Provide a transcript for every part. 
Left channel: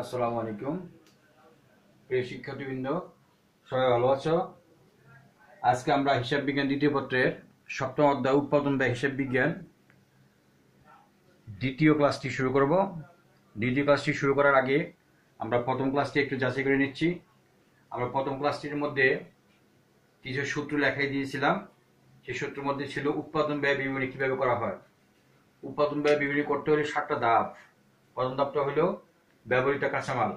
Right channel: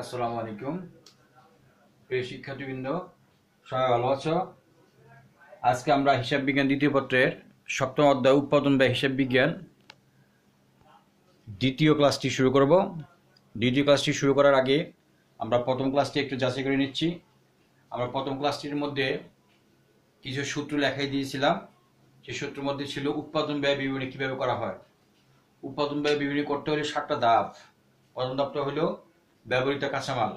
আসসালামু আলাইকুম প্রিয় শিক্ষার্থীবৃন্দ, সবাই ভালো আছো? আজকে আমরা হিসাব বিজ্ঞান দ্বিতীয় পত্রের সপ্তম অধ্যায় উৎপাদন ব্যয় হিসাব বিজ্ঞান দ্বিতীয় ক্লাসটি শুরু করব। দ্বিতীয় ক্লাসটি শুরু করার আগে আমরা প্রথম ক্লাসটি একটু যাচাই করে নিচ্ছি। আমরা প্রথম ক্লাসটির মধ্যে কিছু সূত্র লেখাই দিয়েছিলাম। সেই সূত্রের মধ্যে ছিল উৎপাদন ব্যয় বিবরণী কিভাবে করা হয়। উৎপাদন ব্যয় বিবরণী করতে হলে 7টা ধাপ। প্রথম ধাপটা হলো ব্যবহৃত কাঁচামাল।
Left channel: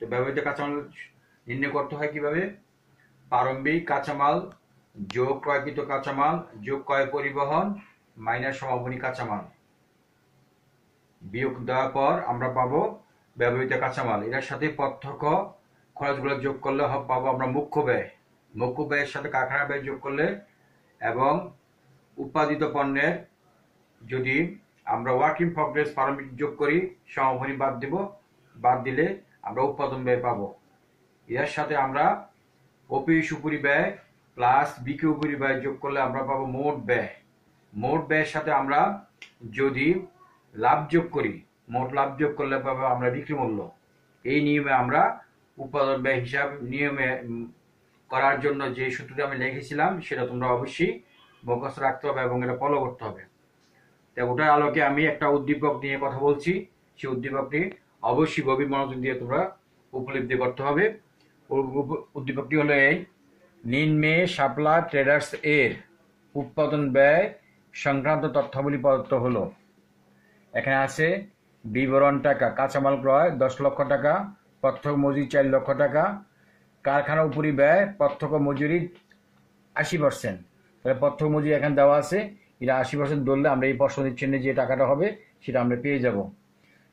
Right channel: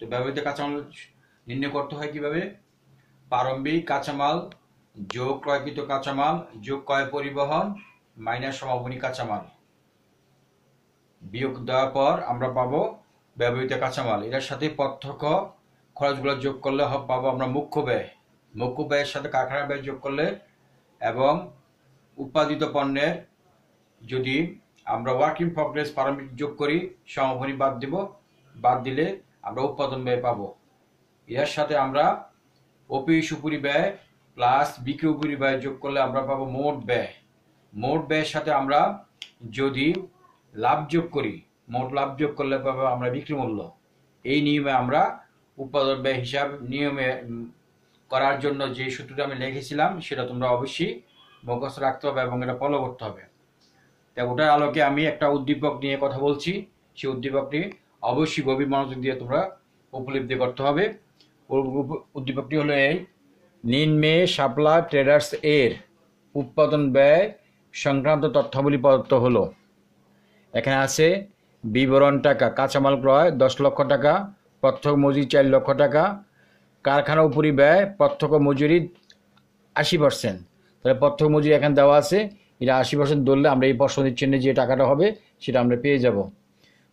তো ব্যবহৃত কাঁচামাল নির্ণয় করতে হয় কিভাবে? প্রারম্ভিক কাঁচামাল যোগ ক্রয়কৃত কাঁচামাল যোগ ক্রয় পরিবহন মাইনাস সমাপনী কাঁচামাল বিয়োগ দেওয়ার পর আমরা পাবো ব্যবহৃত কাঁচামাল। এটার সাথে প্রত্যক্ষ খরচগুলো যোগ করলে পাবো আমরা মুখ্য ব্যয়। মুখ্য ব্যয়ের সাথে কারখানা ব্যয় যোগ করলে এবং উৎপাদিত পণ্যের যদি আমরা ওয়ার্ক ইন প্রগ্রেস প্রারম্ভিক যোগ করি, সমাপনী বাদ দিলে আমরা উৎপাদন ব্যয় পাবো। এর সাথে আমরা ওপি সুপুরি ব্যয় প্লাস বিক্রি উপরি ব্যয় যোগ করলে আমরা পাবো মোট ব্যয়। মোট ব্যয়ের সাথে আমরা যদি লাভ যোগ করি, মোট লাভ যোগ করলে পাবো আমরা বিক্রি মূল্য। এই নিয়মে আমরা উৎপাদন ব্যয় হিসাব নিয়মে করার জন্য যে সূত্রটি আমি লিখেছিলাম সেটা তোমরা অবশ্যই মুখস্থ রাখতে হবে এবং এটা ফলো করতে হবে। তাই ওটার আলোকে আমি একটা উদ্দীপক নিয়ে কথা বলছি। সেই উদ্দীপকটি অবশ্যই গভীর মনোযোগ দিয়ে তোমরা উপলব্ধি করতে হবে। উদ্দীপকটি হলো এই: নিম্নে শাপলা ট্রেডার্স এর উৎপাদন ব্যয় সংক্রান্ত তথ্যাবলী প্রদত্ত হলো। এখানে আছে বিবরণ টাকা, কাঁচামাল ক্রয় 10 লক্ষ টাকা, প্রত্যক্ষ মজুরি 4 লক্ষ টাকা, কারখানা উপরি ব্যয় প্রত্যক্ষ মজুরি 80%। তাহলে প্রত্যক্ষ মজুরি এখানে দেওয়া আছে, এটা 80% ধরলে আমরা এই প্রশ্নের চিহ্নে যে টাকাটা হবে সেটা আমরা পেয়ে যাব।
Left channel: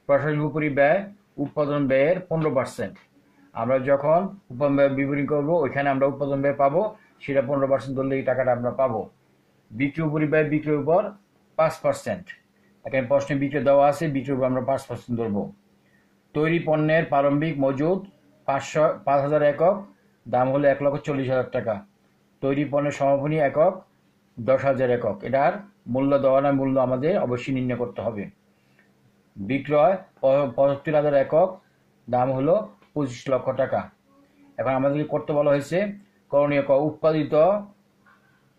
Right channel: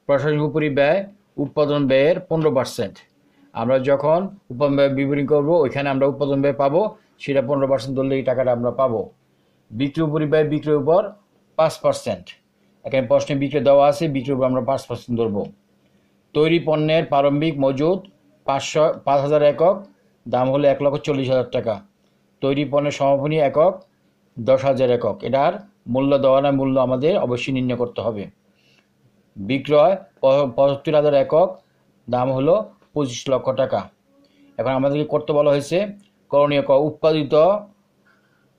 প্রশাসনিক উপরি ব্যয় উৎপাদন ব্যয়ের 15%। আমরা যখন উৎপাদন ব্যয় বিবরণী করবো ওইখানে আমরা উৎপাদন ব্যয় পাবো, সেটা 15% ধরলে এই টাকাটা আমরা পাবো। বিক্রি উপরি ব্যয় বিক্রির উপর 5%। এখানে প্রশ্নে বিক্রি দেওয়া আছে, বিক্রির উপর আমরা 5% ধরবো। তৈরি পণ্যের প্রারম্ভিক মজুদ 5,000 একক, দাম হলো 1,40,000 টাকা। তৈরি পণ্যের সমাপনী একক 10,000 একক। এটার মূল্য দেওয়া না, মূল্য আমাদের অবশ্যই নির্ণয় করতে হবে। বিক্রয় 75,000 একক, দাম হলো 25 লক্ষ টাকা। এখন আমাদেরকে করতে বলা হয়েছে করণীয় উৎপাদিত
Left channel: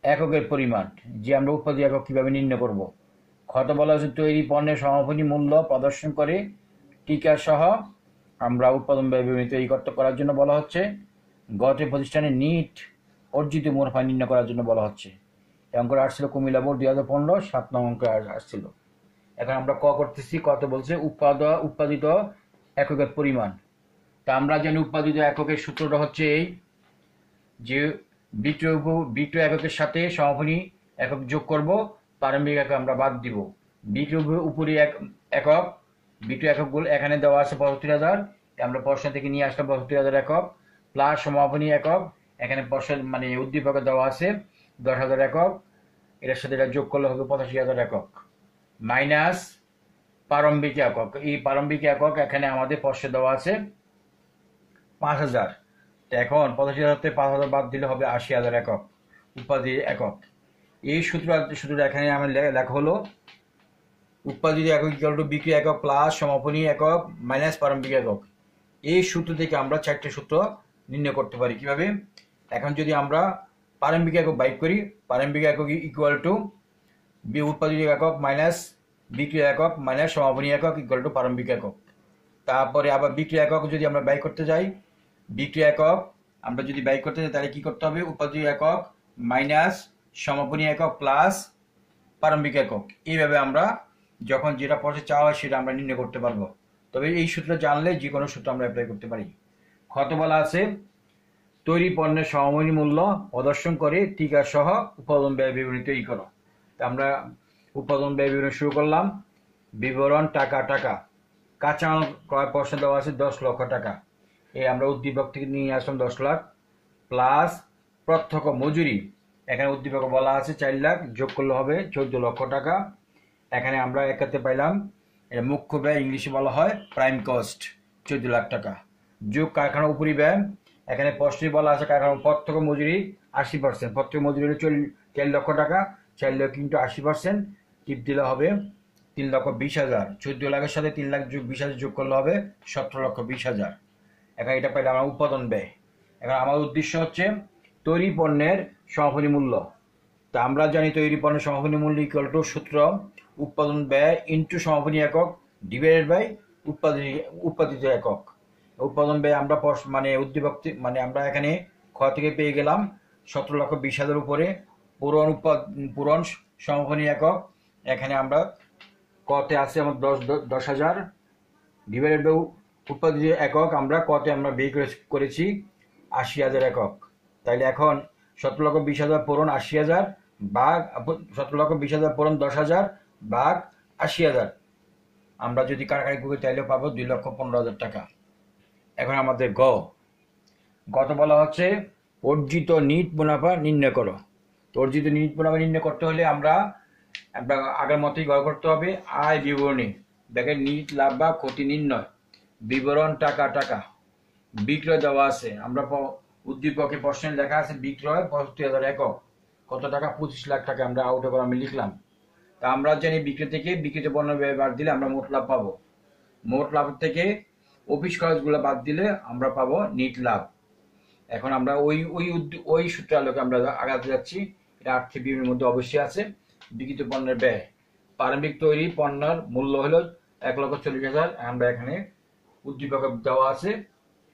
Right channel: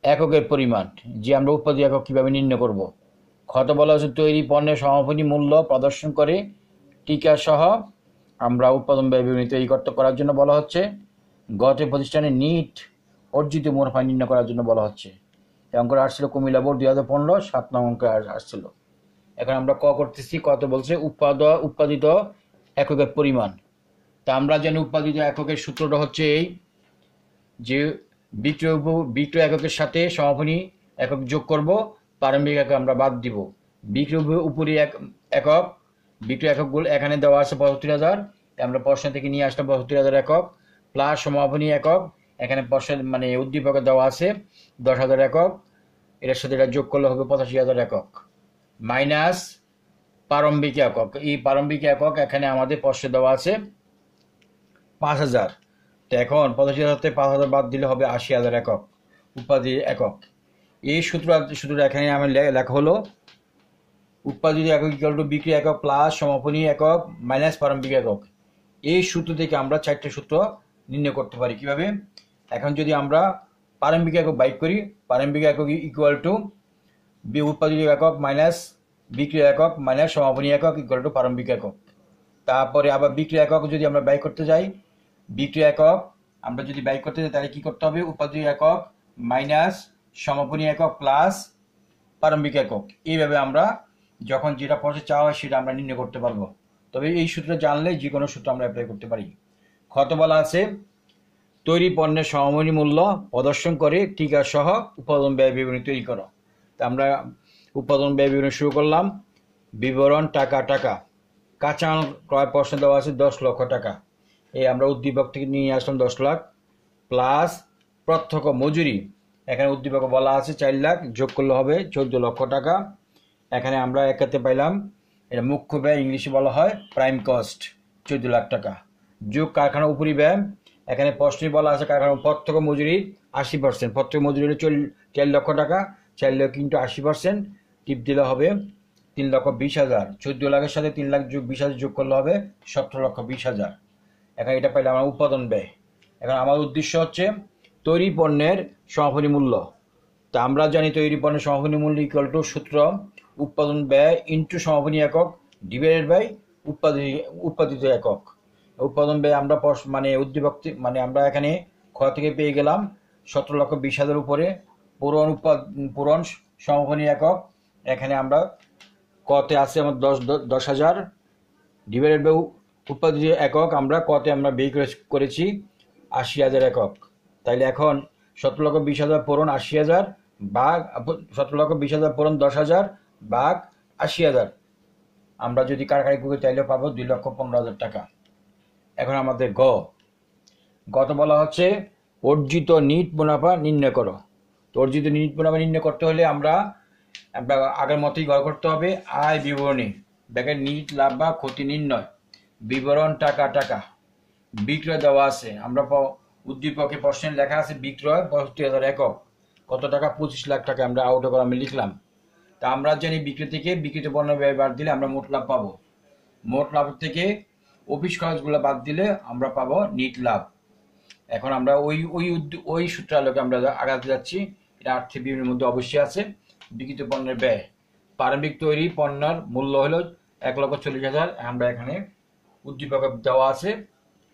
এককের পরিমাণ, যে আমরা উৎপাদিত একক কীভাবে নির্ণয় করব। খতে বলা হয়েছে তৈরি পণ্যের সমাপনী মূল্য প্রদর্শন করে টিকা সহ আমরা উৎপাদন ব্যয় বিবরণী তৈরি করার জন্য বলা হচ্ছে। গতে প্রতিষ্ঠানের নিট অর্জিত মুনাফা নির্ণয় করার জন্য বলা হচ্ছে। অঙ্ক আসছিল কুমিল্লা বোর্ড 2015 7 নং অঙ্ক আসছিল। এখন আমরা করতেছি, কত বলছে উৎপাদিত এককের পরিমাণ। তা আমরা জানি উৎপাদিত এককের সূত্রটা হচ্ছে এই যে বিক্রয় এককের সাথে সমাপনী একক যোগ করব, প্রারম্ভিক একক আমরা বাদ দিব। বিক্রয় উপরি একক বিক্রয় এককগুলো এখানে দেওয়া আছে 75,000, আমরা প্রশ্ন থেকে নিয়ে আসলাম 75,000 একক প্লাস সমাপনী একক এখানে প্রশ্ন মানে উদ্দীপকে দেওয়া আছে 10,000 একক। এটার সাথে এটা যোগ করলে হবে 85,000 একক মাইনাস প্রারম্ভিক একক। এই প্রারম্ভিক একক এখানে আমাদের প্রশ্নে দেওয়া আছে 5,000। তো এখন 85,000 থেকে 5,000 বাদ দিলে হবে 80,000 একক উৎপাদিত একক। এই সূত্রটা এখানে আমি লেখা হলো উৎপাদিত একক ইকুয়াল টু বিক্রি একক প্লাস সমাপনী একক মাইনাস প্রারম্ভিক একক। এই সূত্র থেকে আমরা 4টে সূত্র নির্ণয় করতে পারি। কিভাবে? এখন যদি আমরা প্রারম্ভিক একক বাইক করি, প্রারম্ভিক একক ইকুয়াল টু উৎপাদিত একক মাইনাস বিক্রি একক মাইনাস সমাপনী একক ইকুয়াল টু প্রারম্ভিক একক। তারপরে আবার বিক্রি একক যদি আমরা ব্যয় করতে যাই, বিক্রি একক আমরা যদি ব্যয় করতে যাই তাহলে কি করতে হবে? উৎপাদিত একক মাইনাস সমাপনী একক প্লাস প্রারম্ভিক একক। এইভাবে আমরা যখন যেটা পড়ে চাওয়া হয় সেটা আমরা নির্ণয় করতে পারবো। তবে এই সূত্র জানলে যে কোনো সূত্র আমরা অ্যাপ্লাই করতে পারি। খতে বলা আছে তৈরি পণ্যের সমাপনী মূল্য প্রদর্শন করে টিকা সহ উৎপাদন ব্যয় বিবরণী তৈরি করো। তা আমরা উৎপাদন ব্যয় বিবরণী শুরু করলাম। বিবরণ টাকা কাঁচামাল ক্রয় প্রশ্ন দেওয়া আছে 10 লক্ষ টাকা। এই আমরা উদ্দীপক থেকে নিয়ে আসলাম 10 লাখ প্লাস প্রত্যক্ষ মজুরি এখানে উদ্দীপকে বলা আছে 4 লাখ, যোগ করলে হবে 14 লক্ষ টাকা। এখানে আমরা একাতে পাইলাম, এটা মুখ্য ব্যয়, ইংলিশে বলা হয় প্রাইম কস্ট, 14 লাখ টাকা। যোগ কারখানা উপরি ব্যয়, এখানে প্রশ্নে বলা আছে কারখানা প্রত্যক্ষ মজুরি 80%, প্রত্যক্ষ মজুরি হলো 4 লক্ষ টাকা, 4 লক্ষ ইন্টু 80% টিপ দিলে হবে 3,20,000, 14 লাখের সাথে 3,20,000 যোগ করলে হবে 17,20,000। এখন এটা পাইলে আমার উৎপাদন ব্যয়। এখন আমার উদ্দেশ্য হচ্ছে তৈরি পণ্যের সমাপনী মূল্য। তা আমরা জানি তৈরি পণ্যের সমাপনী মূল্য ইকুয়াল টু সূত্র উৎপাদন ব্যয় ইন্টু সমাপনী একক ডিভাইডেড বাই উৎপাদিত একক। উৎপাদন ব্যয় আমরা মানে উদ্দীপক মানে আমরা এখানে খ থেকে পেয়ে গেলাম 17,20,000 উপরে পূরণ সমাপনী একক। এখানে আমরা কতে আছে আমার 10,000 ডিভাইডেড বাই উৎপাদিত একক আমরা কতে আমরা বের করেছি 80,000 একক। তাইলে এখন 17,20,000 পূরণ 80,000 ভাগ 17,20,000 পূরণ 10,000 ভাগ 80,000 আমরা যদি কারখানায় করি তাইলে পাবো 2,15,000 টাকা। এখন আমাদের গত বলা হচ্ছে অর্জিত নিট মুনাফা নির্ণয় করো। তো অর্জিত নিট মুনাফা নির্ণয় করতে হলে আমরা আগের মতোই গড় করতে হবে আয় বিবরণী ব্যাকের নিট লাভ বা ক্ষতি নির্ণয় বিবরণ টাকা বিক্রয় দেওয়া আছে। আমরা উদ্দীপকে প্রশ্নে লেখা আছে বিক্রয় 65,000 একক, কত টাকা 25 লাখ টাকা আমরা আউট করে আমি লিখলাম। তা আমরা জানি বিক্রি থেকে বিক্রিত পণ্য ব্যয় বাদ দিলে আমরা মোট লাভ পাবো। মোট লাভ থেকে অফিস খরচগুলো বাদ দিলে আমরা পাবো নিট লাভ। এখন আমরা ওই সূত্র আলোকে আমরা আগাতে যাচ্ছি। এটা আর্থিক বিবরণীর মধ্যে অবশ্যই আছে। বিক্রিত পণ্যের ব্যয় প্রারম্ভিক তৈরি পণ্যের মূল্য হলো 1,40,000। আমরা এখানে উদ্দীপকে দেওয়া আছে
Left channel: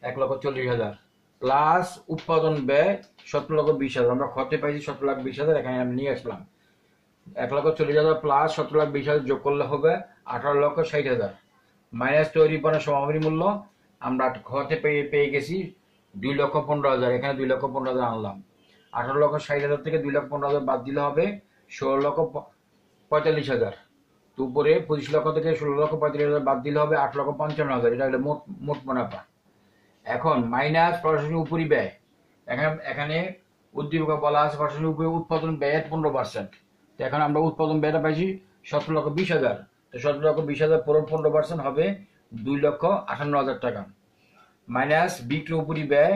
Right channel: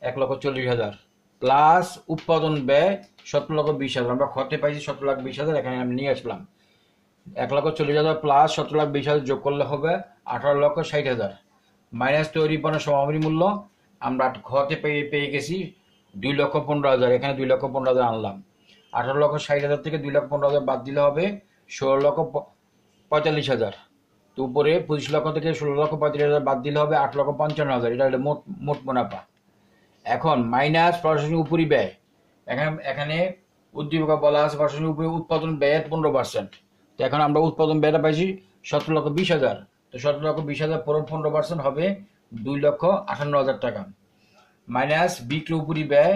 1,40,000 প্লাস উৎপাদন ব্যয় 17,20,000। আমরা খতে পাইছি 17,20,000, এখানে আমি নিয়ে আসলাম 1,40,000 প্লাস 17,20,000 যোগ করলে হবে 18,60,000 মাইনাস তৈরি পণ্যের সমাপনী মূল্য আমরা খতে পেয়ে গেছি 2,15,000। এখানে 2,15,000 আনলাম। 18,60,000 থেকে 2,15,000 বাদ দিলে হবে 16,45,000। তো উপরে 25 লক্ষ থেকে 16,45,000 বাদ দিলে হবে 8,55,000। এটা হলো মোট মুনাফা। এখন মাইনাস প্রশাসনিক উপরি ব্যয়। এখানে উদ্দীপকে বলা আছে প্রশাসনিক উপরি উৎপাদন ব্যয়ের 15%। তো এখন আমরা উৎপাদন ব্যয়টা পাইছি 17,20,000। তো 17,20,000 পুরো 15% হবে 2,58,000 টাকা। মাইনাস বিক্রয় উপরি ব্যয়।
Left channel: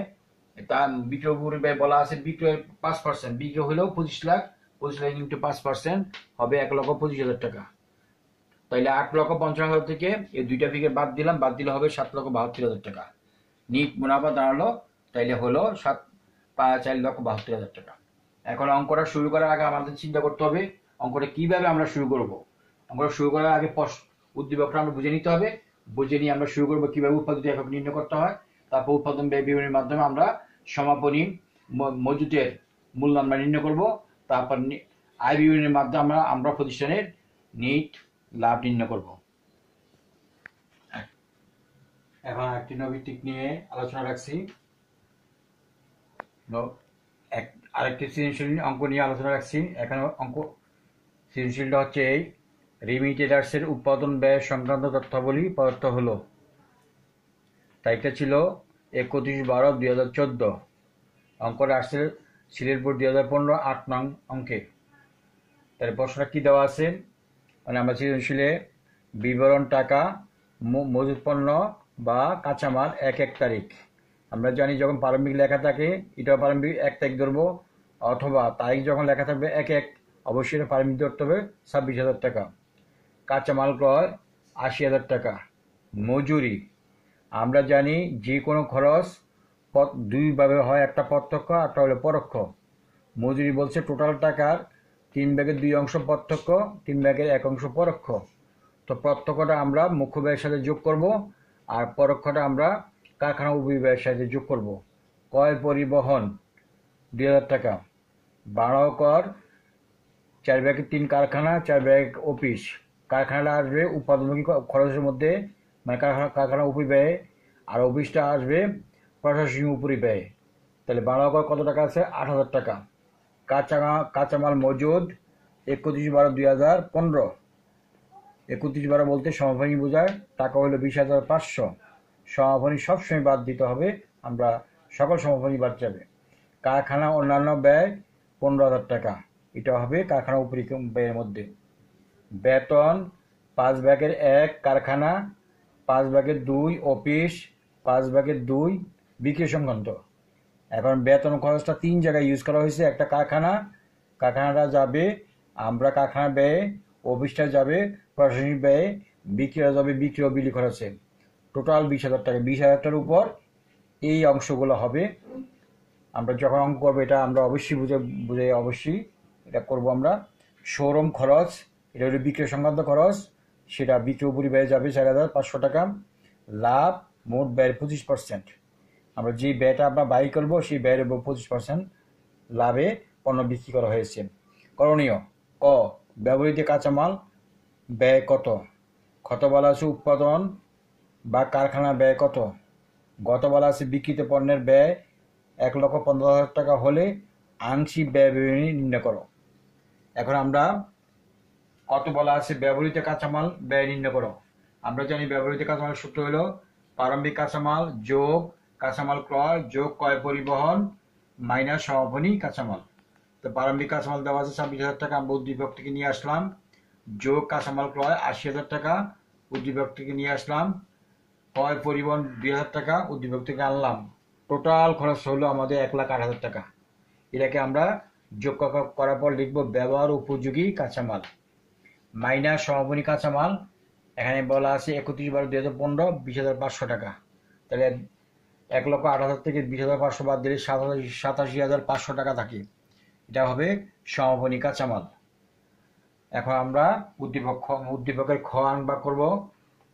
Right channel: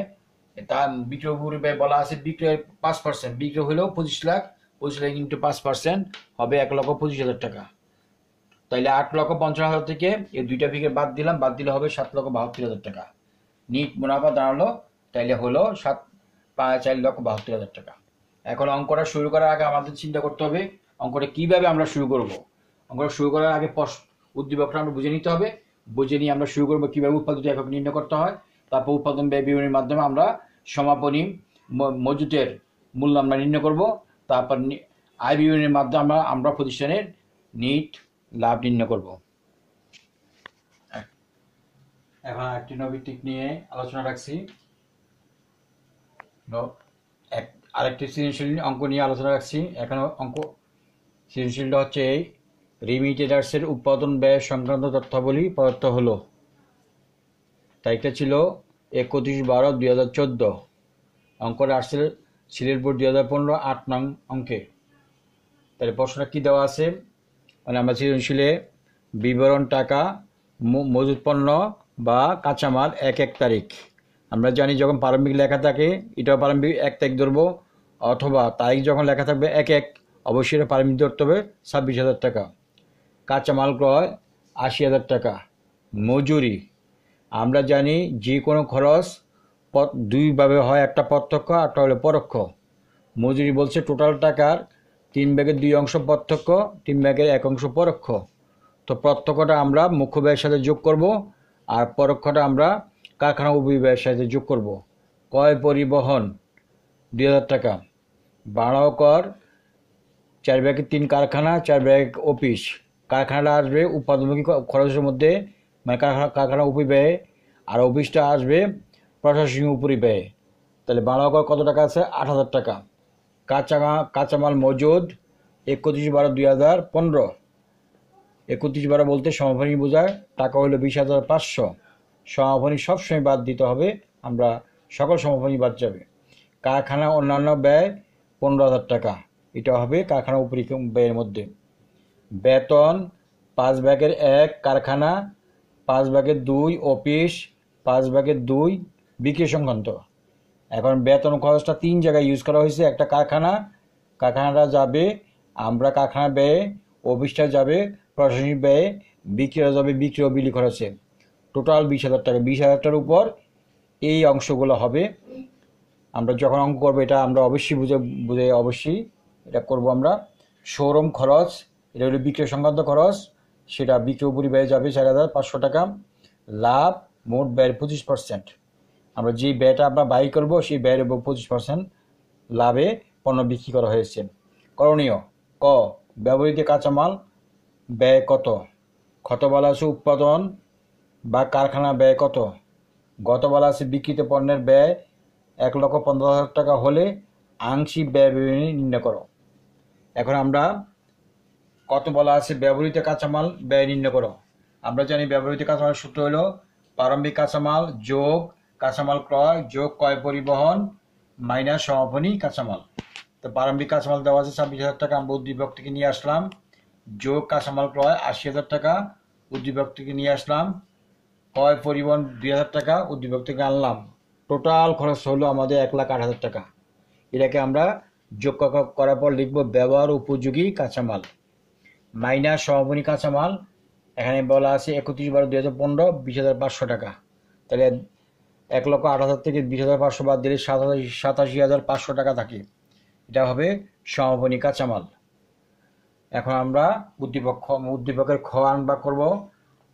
তা বিক্রয় উপরি ব্যয় বলা আছে বিক্রয়ের 5%। বিক্রয় হলেও 25 লাখ, 25 লাখ ইন্টু 5% হবে 1,25,000 টাকা। তাইলে 8,55,000 থেকে এই দুইটা ফিগার বাদ দিলে হবে 7,72,000 টাকা। নিট মুনাফা দাঁড়ালো তাইলে হলো 4,72,000 টাকা। এখন অঙ্কটা শুরু করার আগে আমাদের চিন্তা করতে হবে অঙ্কটা কিভাবে আমরা শুরু করব। অঙ্কটা শুরু করার আগে উদ্দীপকটা আমরা বুঝে নিতে হবে। বুঝে নিয়ে আমরা শুরু করবো কিভাবে উৎপাদিত একক নির্ণয় করতে হয়। তারপর উৎপাদন ব্যয় বিবরণীর মাধ্যমে আমরা সমাপনী মজুতের মূল্য আমরা নির্ণয় করব। তারপর আয় বিবরণীর মাধ্যমে আমরা প্রতিষ্ঠানের নিট লাভ নির্ণয় করব। এখন একটি নৈতিক নিয়ে আলোচনা রাখছি। আরেকটি সৃজনশীল অঙ্ক নিয়ে আলোচনা রাখছি। এখানে সৃজনশীলটা হচ্ছে এই রিমিটেডার্সের উৎপাদন ব্যয় সংক্রান্ত তথ্যাবলী প্রদত্ত হলো। তারিখটা ছিল 31/12/2014। অঙ্কটা আসছে সিলেট বোর্ড 2015 8 নং অঙ্কে। তাহলে প্রশ্নটা কি দেওয়া আছে মানে আমরা সৃজনশীলে বিবরণ টাকা মজুত পণ্য বা কাঁচামাল 1 তারিখ। আমরা জানি যখন প্রারম্ভিক লেখা থাকে এটাও প্রারম্ভিক 1 তারিখ ধরবো, অথবা তারিখ যখন লেখা থাকবে 1 অবশ্যই এটা প্রারম্ভিক ধরতে হবে 26,000 টাকা। কাঁচামাল ক্রয় 80,000 টাকা। মজুরি আমরা জানি যে কোনো খরচ দুইভাবে হয়, একটা প্রত্যক্ষ একটা হলো পরোক্ষ। মজুরি বলছে টোটাল টাকার 3/2 অংশ প্রত্যক্ষ, 3/1 অংশ পরোক্ষ। তো প্রত্যক্ষটা আমরা মুখ্য ব্যয়ের সাথে যোগ করব আর পরোক্ষটা আমরা কারখানা উপব্যয়ের সাথে যোগ করব। ক্রয় পরিবহন 2,000 টাকা। ভাড়া কর 4/3 কারখানা, 4/1 অফিস। কারখানাটা আসবে উৎপাদনমুখী খরচের মধ্যে মানে কারখানা উপব্যয়, আর অফিসটা আসবে প্রশাসনিক উপরিব্যয়। তাহলে ভাড়া কর কত টাকা আছে 8,000 টাকা। কাঁচামাল মজুদ 31/12/2015। 31/12 বলতে সমাপনী বোঝায়, টাকা হলো 20,500। সমাপনী সবসময় বাদ দিতে হবে, আমরা সকল সমাপনী বাদ যাবে। কারখানা অন্যান্য ব্যয় 15,000 টাকা, এটা হবে কারখানা উপরি ব্যয়ের মধ্যে। বেতন 5/1 কারখানা, 5/2 অফিস, 5/2 বিক্রয় সংক্রান্ত। এখন বেতন খরচটা 3 জায়গায় ইউজ করা হয়েছে। একটা কারখানাটা যাবে আমরা কারখানা ব্যয়ে অফিসটা যাবে প্রশাসনিক ব্যয়ে, বিক্রিয়া যাবে বিক্রি ও বিলি খরচে। টোটাল 20,000 টাকা। 20,000 টাকার উপর এই অংশগুলো হবে। আমরা যখন অঙ্ক করবো এটা আমরা অবশ্যই বুঝে বুঝে অবশ্যই এটা করব আমরা। শোরুম খরচ, এটা হলো বিক্রয় সংক্রান্ত খরচ, সেটা বিক্রি পরিব্যয়ে যাবে 4,500 টাকা। লাভ মোট ব্যয়ের 25%। আমরা যে ব্যয়টা আমরা ব্যয় করবো সেই ব্যয়ের উপর 25% লাভে পণ্য বিক্রি করা হয়েছে। করণীয়: ক, ব্যবহৃত কাঁচামাল ব্যয় কত? ক্ষত বলা আছে উৎপাদন বা কারখানা ব্যয় কত? গত বলা আছে বিক্রিত পণ্যের ব্যয় 1,15,000 টাকা হলে আংশিক ব্যয় বিবরণী নির্ণয় করো। এখন আমরা কত বলা আছে ব্যবহৃত কাঁচামাল ব্যয় নির্ণয় করো। আমরা জানি ব্যবহৃত কাঁচামাল সূত্র হলো প্রারম্ভিক কাঁচামাল যোগ কাঁচামাল ক্রয় যোগ ক্রয় পরিবহন মাইনাস সমাপনী কাঁচামাল। তো প্রারম্ভিক কাঁচামাল দেওয়া আছে 26,000 টাকা, আমরা উদ্দীপক থেকে নিয়ে আসলাম, যোগ কাঁচামাল ক্রয় 80,000 টাকা, উদ্দীপক থেকে নিয়ে আসলাম, ক্রয় পরিবহন 2,000 টাকা, উদ্দীপক থেকে আনলাম। টোটাল খরচ হলো আমাদের 1,08,000 টাকা। এটাকে আমরা যোগ করার পর লিখব ব্যবহার উপযোগী কাঁচামাল মাইনাস সমাপনী কাঁচামাল। এখানে বলা আছে 31/12/2015 20,500 টাকা। তাহলে 1,08,000 থেকে 20,500 বাদ দিলে 87,500 টাকা থাকে। এটা হবে সমাপনী কাঁচামাল। এখন আমরা উদ্দীপকের খ আমরা করব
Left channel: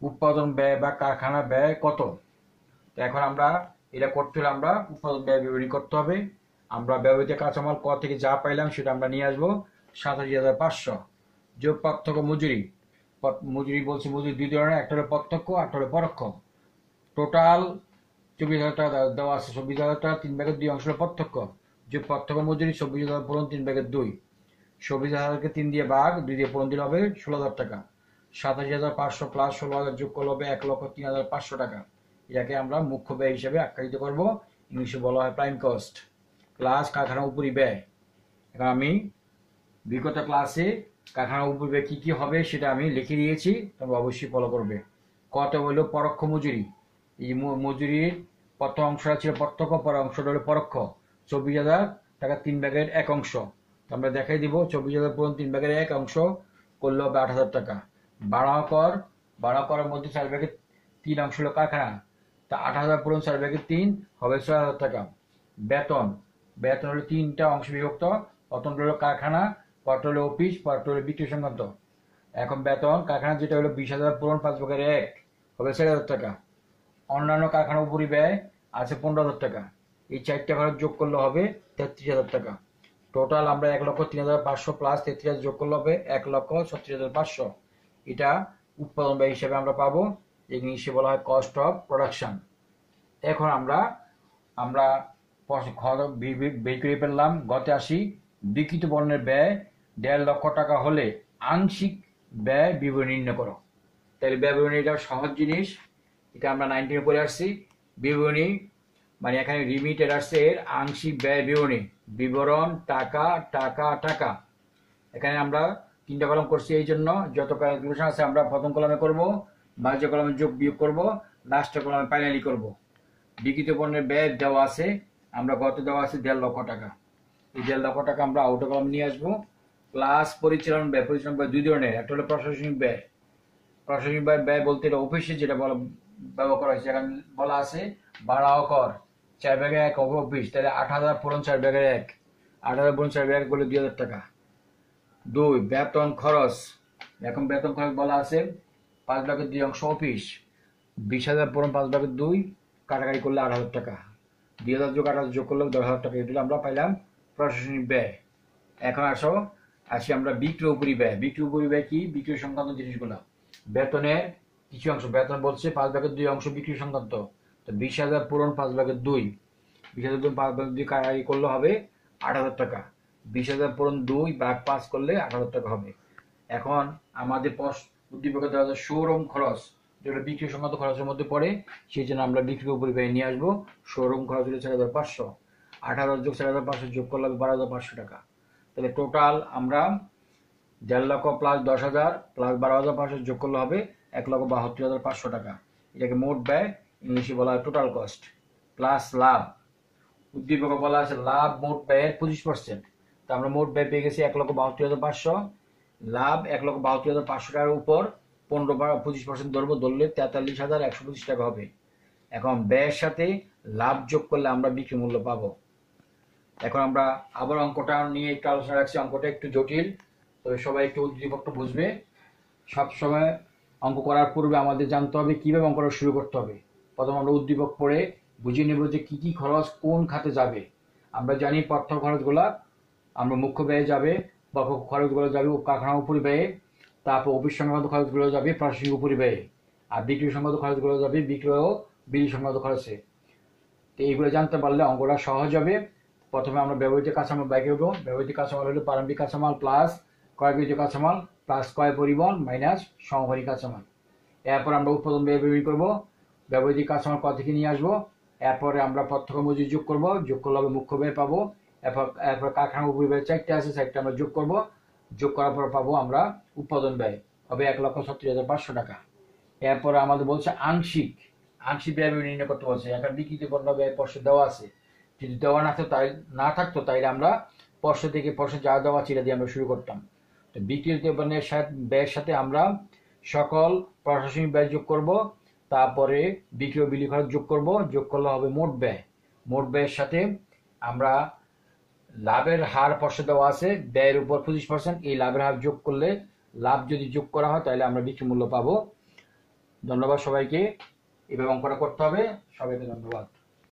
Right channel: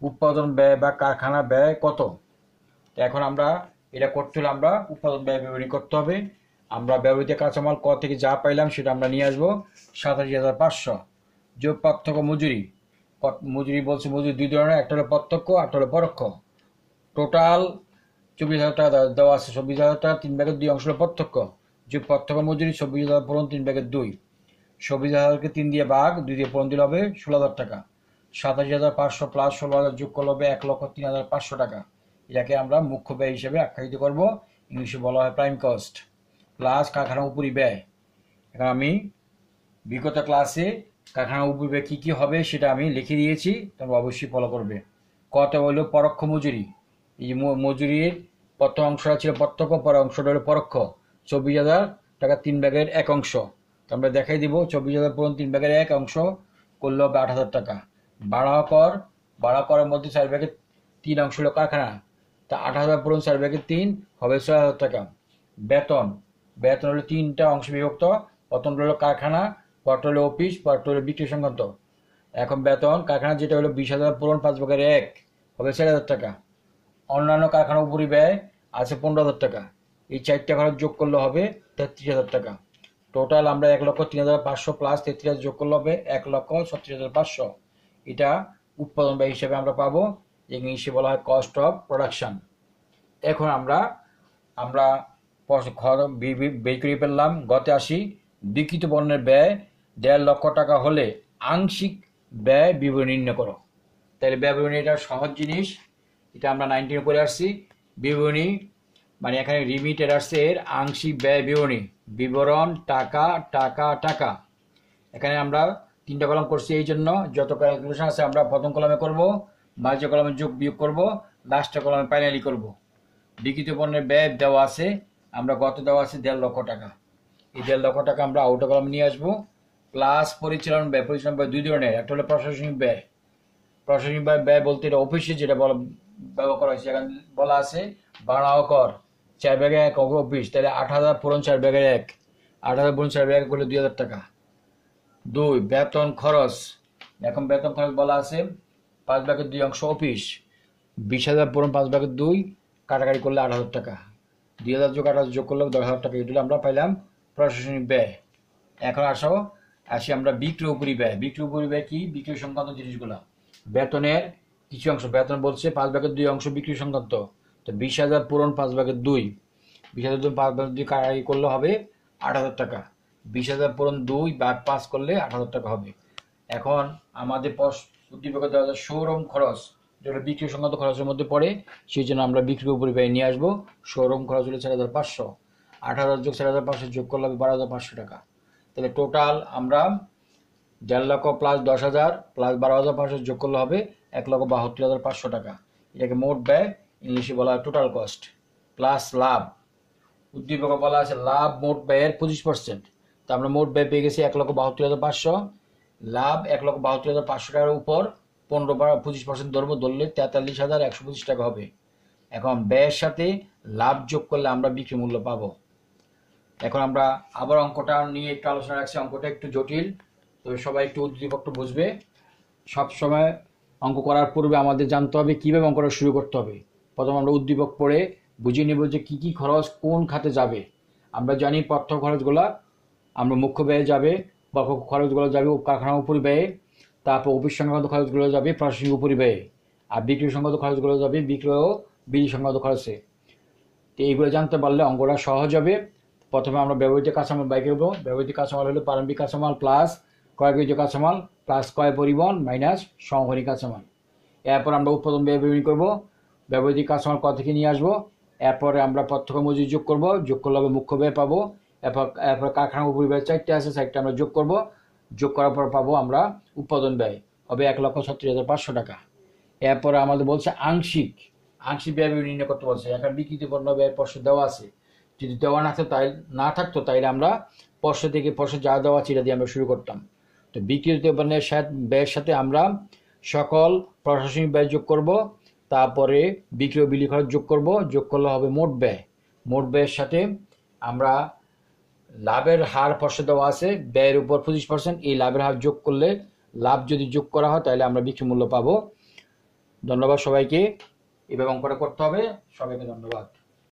উৎপাদন ব্যয় বা কারখানা ব্যয় কত। তো এখন আমরা এটা করতে হলে আমরা উৎপাদন ব্যয় বিবরণী করতে হবে। আমরা ব্যবহৃত কাঁচামাল ক থেকে যা পাইলাম সেটা আমরা নিয়ে আসবো 87,500 যোগ প্রত্যক্ষ মজুরি। মজুরি বলছে মজুরি দুই ধরনের, একটা হলো প্রত্যক্ষ একটা হলো পরোক্ষ। টোটাল 24,000 টাকা দেওয়া আছে। 24,000 টাকা 3/2 অংশ হলো প্রত্যক্ষ, যোগ প্রত্যক্ষ মজুরি 24,000 পূরণ 3/2। 24,000কে 3 দিয়ে ভাগ 2 দিয়ে পূরণ দিলে হবে 16,000 টাকা। 87,500 প্লাস 16,000 যোগ করলে হবে 1,03,500 টাকা। এটাকে আমরা মুখ্য ব্যয় হিসেবে আখ্যায়িত করব, ইংলিশে বলা হয় প্রাইম কস্ট। প্লাস কারখানা উপরি ব্যয়। এখন আমি বিগত ক্লাসে কারখানা উপরি ব্যয় কী কী হবে সেটা আমি লিখে দিয়েছি, তোমরা অবশ্যই ফলো করবে। কত হলো পরোক্ষ মজুরি। এই মজুরির প্রথম অংশটা ছিল প্রত্যক্ষ, পরের অংশটা হলো পরোক্ষ। 24,000 টাকা 3/1 অংশ। তো আমরা দেখাই দিব 24,000 পূরণ 3/1 অংশ করলে হবে 8,000 টাকা। বাড়া করের মধ্যে 4/3 অংশ হলো কারখানা, তা 8,000 পূরণ 4/3 হবে 6,000 টাকা। বেতন হলো 3টা অংশ বিভক্ত, প্রথম হলো কারখানা, পরটা হলো অফিস, পরটা হলো বিক্রয় সংক্রান্ত। এখন বেতন কারখানা যেটা হলো 20,000 পূরণ 5/1 হবে 4,000 টাকা। অন্যান্য কারখানা উপরি ব্যয় আছে 15,000 টাকা। এই 4টা খরচ যোগ করলে হবে 33,000 টাকা। টোটাল আমরা 1,03,500 প্লাস 33,000 যোগ করলে হবে 1,36,500। এটা উৎপাদন ব্যয় হিসেবে আমরা পাবো, ইংলিশে বলা হয় কস্ট অফ প্রোডাকশন। এখন আমরা বের করে ফেললাম। গতে আসি, বিক্রিত পণ্যের ব্যয় 1.5 লক্ষ টাকা হলে আংশিক ব্যয় বিবরণী নির্ণয় করো। তাহলে ব্যয় বিবরণী এটা সহজ জিনিস, এটা আমরা 19 করে আসছি। বিবরণী মানে এখানে রিমিটেড আসছে এর আংশিক ব্যয় বিবরণী, বিবরণ টাকা টাকা টাকা। এখানে আমরা 3টা কলম করছি, এই জন্য যত ক্যালকুলেশন আছে আমরা প্রথম কলমে করব, মাঝে কলমে যোগ বিয়োগ করব, লাস্টের কলমে ফাইনালি করব। বিক্রিত পণ্যের ব্যয় দেওয়া আছে, আমরা গত দেওয়া আছে 1.5 লক্ষ টাকা। এই 1.5 লক্ষ টাকা আমরা আউটার কলম নিয়ে আসবো। প্লাস পরিচালন ব্যয়। পরিচালন ব্যয় দুই ধরনের, একটা হলো প্রশাসনিক ব্যয়। প্রশাসনিক ব্যয় বলতে এটা অফিসে যেটা ব্যবহার করা হয়েছে। এখানে বলা আছে ভাড়া ও কর 4/1 অফিস, তাহলে 8,000 পূরণ 4/1। 8,000 পূরণ 4/1 করলে 2,000 টাকা। 2 বেতন খরচ। এখন বেতন খরচ বলা আছে 5/2 অংশ অফিস, 20,000 পূরণ 5/2 কাটাকাটি করলে 8,000 টাকা। 2,000 যোগ 8,000 যোগ করলে 10,000 টাকা। এগুলো আমরা পাইলাম প্রশাসনিক ব্যয়। এখন আসি আমরা বিক্রয় উপরি ব্যয়। বিক্রয় উপরি ব্যয় কি? বিক্রয় সংক্রান্ত জিনিসগুলো। বেতনের কিছু অংশ, বেতন বলছে 5/2 অংশ বিক্রয় সংক্রান্ত। তো 20,000 পূরণ 5/2, 20,000 5/2 কাটাকাটি করলে হবে 8,000 টাকা। 20,000 পূরণ 2/5 করলে 8,000 টাকা হবে। এখন আমাদের উদ্দীপকে দেওয়া যায় শোরুম খরচ, যেটা বিক্রয় সংক্রান্ত খরচের মধ্যে পড়ে, সেই জন্য আমরা বিক্রয় উপরি ব্যয় নিয়ে আসবো। শোরুম খরচ হলো 4,500। 8,000 যোগ 4,500 যোগ করলে হবে 12,500 টাকা। তাহলে টোটাল আমরা 1.5 লক্ষ প্লাস 10,000 প্লাস 12,500 যোগ করলে হবে 1,72,500 টাকা। এটাকে মোট ব্যয়, ইংলিশে বলা হয় টোটাল কস্ট। Plus love. উদ্দীপকে বলা আছে লাভ মোট ব্যয়ের 25%। তো আমরা মোট ব্যয় পেয়ে গেছি 1,72,500। লাভ 1,72,500 টাকার উপর 25% ধরবো, ধরলে 43,125 টাকা হবে। এখন ব্যয়ের সাথে লাভ যোগ করলে আমরা বিক্রি মূল্য পাবো। এখন আমরা আবার অঙ্কটা নিয়ে একটু আলোচনা রাখছি। অঙ্কটা একটু জটিল, তবে সবাই একটু উদ্দীপকটা বুঝবে। সবসময় অঙ্ক করার পূর্বে আমাদের জানতে হবে কীভাবে অঙ্কটা শুরু করতে হবে। প্রথমে আমরা উদ্দীপক পড়ে বুঝিয়ে নেব যে কী কী খরচ কোন খাতে যাবে। আমরা জানি প্রত্যক্ষ খরচগুলো আমরা মুখ্য ব্যয়ে যাবে, পরোক্ষ খরচগুলো যাবে কারখানা উপরি ব্যয়ে, তারপর অফিস সংক্রান্ত খরচগুলো যাবে প্রশাসনিক উপরি ব্যয়ে, আর বিক্রি সংক্রান্ত খরচগুলো যাবে বিক্রয় ও বিলি সংক্রান্ত খরচে। তো এইগুলো জানতে পারলে অঙ্কটা সহজ হবে। প্রথমে আমরা ব্যবহৃত কাঁচামাল বাই করবো। ব্যবহৃত কাঁচামাল হলো প্রারম্ভিক কাঁচামাল প্লাস ক্রয়কৃত কাঁচামাল প্লাস ক্রয় পরিবহন মাইনাস সংহনী কাঁচামাল। এরপর আমরা উৎপাদন ব্যয় বের করবো। ব্যবহৃত কাঁচামাল কত থেকে নিয়ে আসবো। এরপরে আমরা প্রত্যক্ষ মজুরি যোগ করবো, যোগ করলে হবে মুখ্য ব্যয় পাবো। এরপর কারখানা উপরি ব্যয় 4টে আছে, 4টে আমরা যোগ করবো। যোগ করার পর পাবো আমরা উৎপাদন ব্যয় হবে 1,36,500 টাকা। এরপরে আমাদের বলছে আংশিক ব্যয় নির্ণয় করতে বলছে। এখন বিক্রিত পণ্য ব্যয় পর্ষদ দেওয়া আছে, যদি দেওয়া না থাকতো তাইলে আমরা পর্ষদ থেকে পর্ষদ যা দেওয়া আছে এটা দিয়ে আমরা শুরু করতাম। তো বিক্রিত পণ্যের ব্যয়ের সাথে আমরা সকল প্রশাসনিক ব্যয় যোগ করব, তারপরে বিক্রি ও বিলি খরচ যোগ করব। যোগ করলে হবে মোট ব্যয়। মোট ব্যয়ের সাথে আমরা লাভের হার পর্ষদ দেওয়া আছে, ব্যয়ের উপর 25%, এই লাভের হার যোগ করলে লাভ যদি যোগ করা হয় তাহলে আমরা বিক্রি মূল্য পাবো। ধন্যবাদ সবাইকে। এভাবে অঙ্কটা করতে হবে। সবাইকে ধন্যবাদ।